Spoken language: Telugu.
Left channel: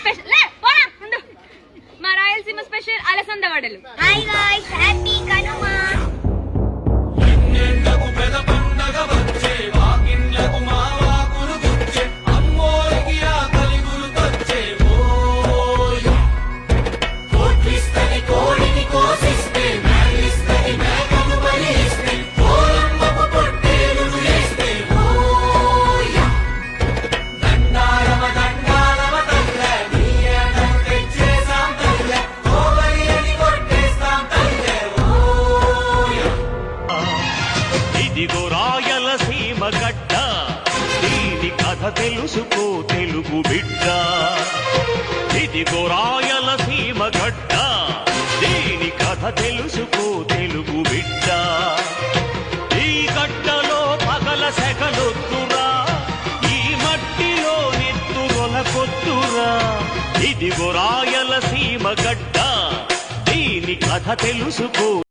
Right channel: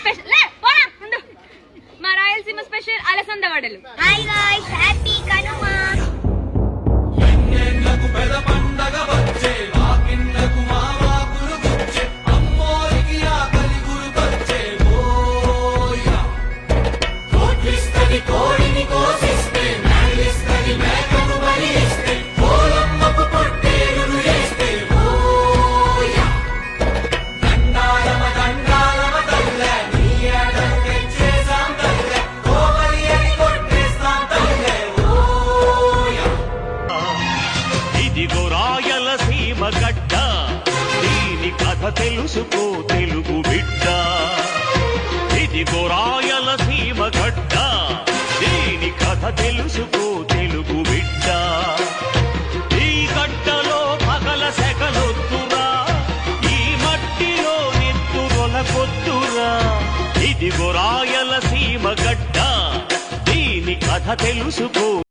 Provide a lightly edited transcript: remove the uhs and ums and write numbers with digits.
స్పెషల్ లే పోరా ముందు మా రాయలసీమ స్పెషల్ అలసంద వడలు. Hi guys, happy Kanuma. ఇదిగో రాయలసీమ గడ్డ, దీని కథ తెలుసుకో తెలుగు బిడ్డ. ఇదిగో రాయలసీమ గడ్డ, దీని కథ తెలుసుకో తెలుగు బిడ్డ. ఈ గడ్డలో పగల సెగలొద్దురా, ఈ మట్టిలో నెత్తురొలకొద్దురా. ఇదిగో రాయలసీమ గడ్డ, దీని కథ తెలుసుకో.